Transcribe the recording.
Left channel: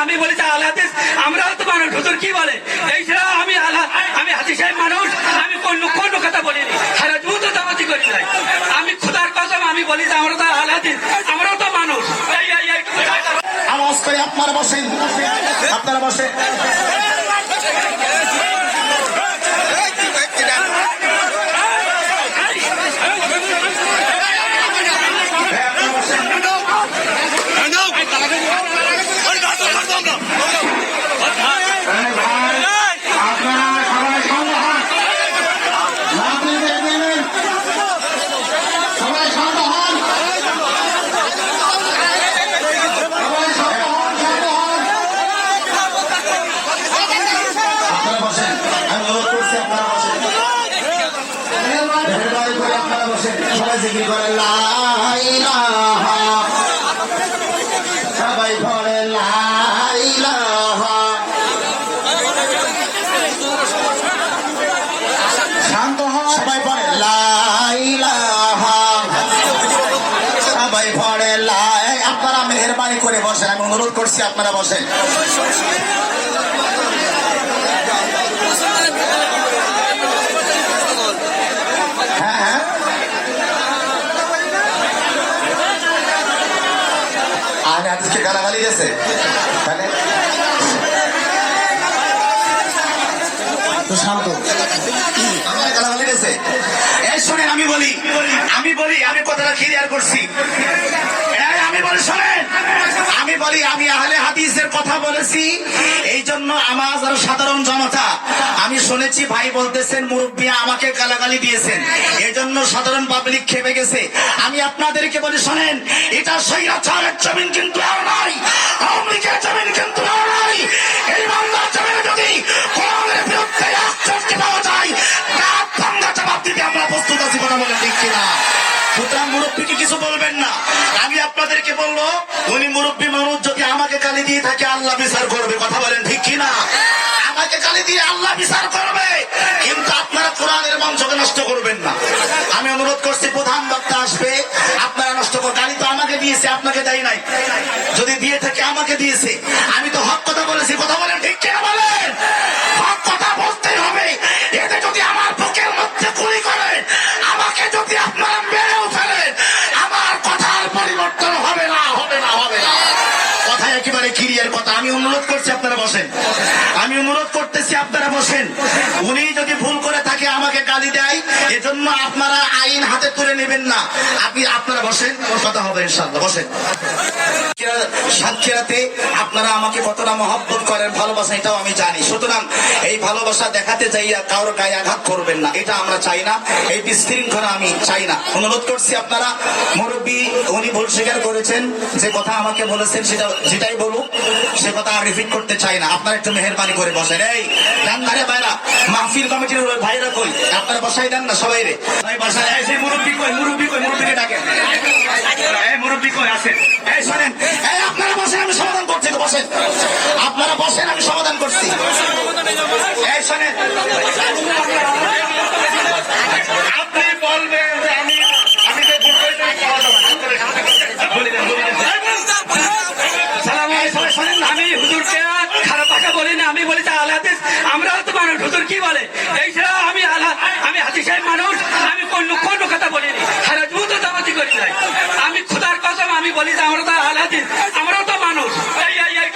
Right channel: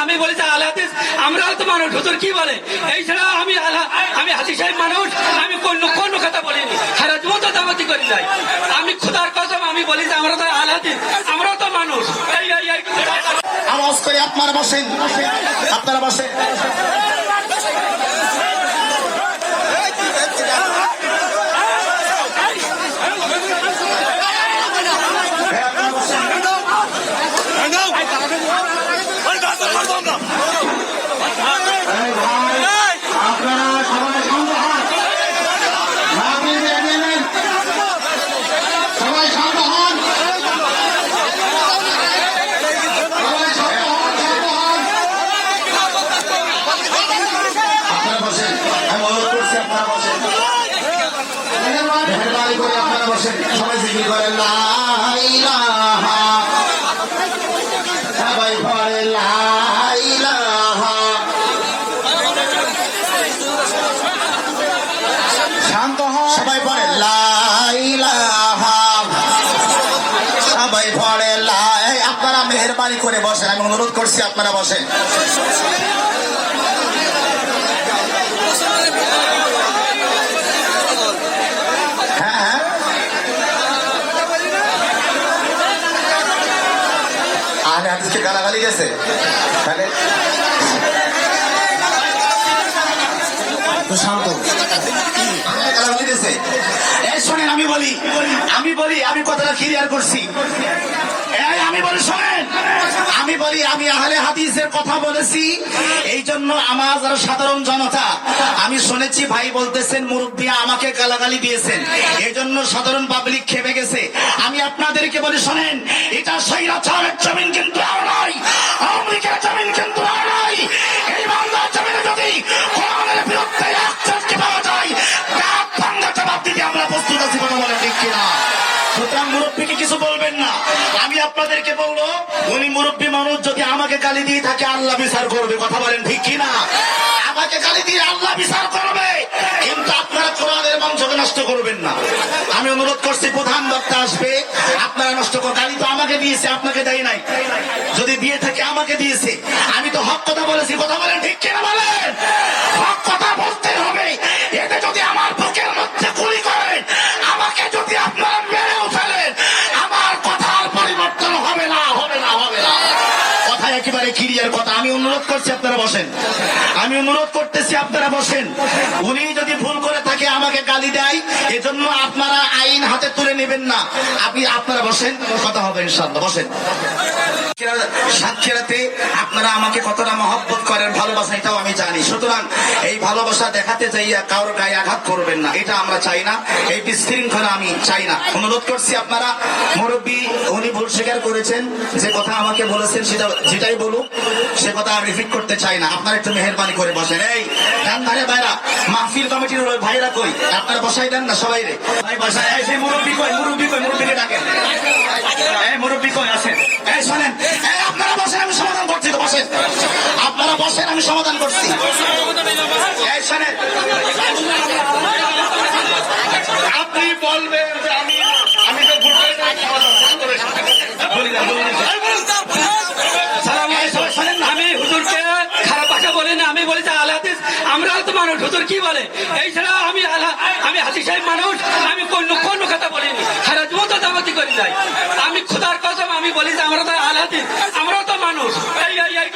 আমি বলেছি আল্লাহ আমরাও তো মানুষ হুজুর কি বলে? এই ছাড়া আমি আল্লাহ আমি হাজি সাহেব মানুষ আমি কোন কোন কথা বলিনি হেরাজ মতো দামাতি আমি খুদার কসম আমি বলি যে আমরা তো হাদিস আমরাও তো মানুষ এই এই এই আওয়াজ করে আপনারা বসেন আপনারা বসেন আপনারা সবাই শান্ত হন মাহফিল করবেন সবাই শান্ত হন আপনারা বসেন আমি অনুরোধ করছি আপনারা বসেন মেহরবানি করে আপনারা বসেন সবাই জিকির করেন সবাই পড়ে শান্ত আপনারা মেহরবানি করে বসেন, আমি অনুরোধ করছি আপনারা বসেন হ্যাঁ আর একটু শান্ত। আমি বলি আমি বলি আমি কথাটা ক্লিয়ার করছি। আমি বলি শোনেন। আমি বলি, আমি আহলে হাদিসের কথা বলেছি। এই জন্য আমার সাধারণ জনতা, আমি শুনেছি ভাই বলতেছেন, মুরব্বী আমাকে গালাগালি দিয়েছেন। এই জন্য সাধারণ পাবলিক খেপে গেছে। আমি আপনাদেরকে বলি, শোনেন, এটা সৈরাচারের জমিন কিন্তু আর নাই জমিন কিন্তু আর নাই। বলব উনি মুরব্বী মানুষ, যদি আমাকে গালি দিয়ে থাকে, আল্লাহ বিচার করবে। কথা বলেন ঠিক কিনা? আমাকে গালি দিয়ে আল্লাহ বিচার করবে। কিন্তু আপনারা কোরআনের মাংসকে নষ্ট করবেন না। আমি অনুরোধ করছি, প্রধান বক্তা আসবে। আপনারা নষ্ট কর গালি তো আমাকে দিয়েছে, আপনাকে দেয় নাই। যদি দিয়ে থাকে, আমাকে দিয়েছে। আমি তো হক কথা বলেছি, কথা বলেন ঠিক কিনা? বলেন বসেন। আমি অনুরোধ করতেছি আপনারা বসেন। উনি যদি ভুল করে থাকে, আমাকে গালি দেয়, এজন্য আপনারা আইন হাতে তুলে নেবেন না। আপনি, আপনারা বসেন কথা হবে ইনশাল্লাহ বসেন। সাক্ষীরাতে আপনারা আমাকে কতটা মহব্বত করেন, ভালোবাসা, এটাও আমি জানি। সুতরাং এই ভালোবাসা দেখাতে চাইয়া কারোর গায়ে আঘাত করবেন না। এটা আমরা চাই না। এই বিশৃঙ্খলা আমি চাই না। অনুরোধ করছি আপনারা, মুরব্বী, উনি ভুল স্বীকার করেছেন, যে কথা আমাকে বলেছেন সেটা যেটাই বলুক, সে কথা আর রিপিট করতে চাই না। আপনারা একটু মেহরবানি করে বসেন এই দেন না রে ভাইরা, মাহফিল কমিটির ভাইরা কই? আপনারা বসাই দেন না সবাই রে। ভাই বাসায় এই সেই মুরব্বী কই মুরব্বী কই, মুরব্বীকে ডাকেন এই মুরব্বী কই আছে? এই শুনেন, এই আপনারা বসেন, আমি সমাধান করছি বসেন। আপনারা বসেন, আমি সমাধান করছি। এই শুনেন, আপনি বলবেন যে আমি আমি যে ভোটে বলে যান বলে যান সালাম এই সবাই শোনেন না? আমি হুজুরকে খারাপ ভাষা বলি না আমি বলেছি আল্লাহ হাদিস আমরাও তো মানুষ হুজুর কি বলে? এই ছাড়া আমি আমি হাজি সাহেব মানুষ, আমি কোন কোন কথা বলিনি। সেটা মতো দামতি করি নাই। আমি খুদার কসম, আমি বলি যে, আমরা তো আল হাদিস আমরাও তো মানুষ। এই এই এই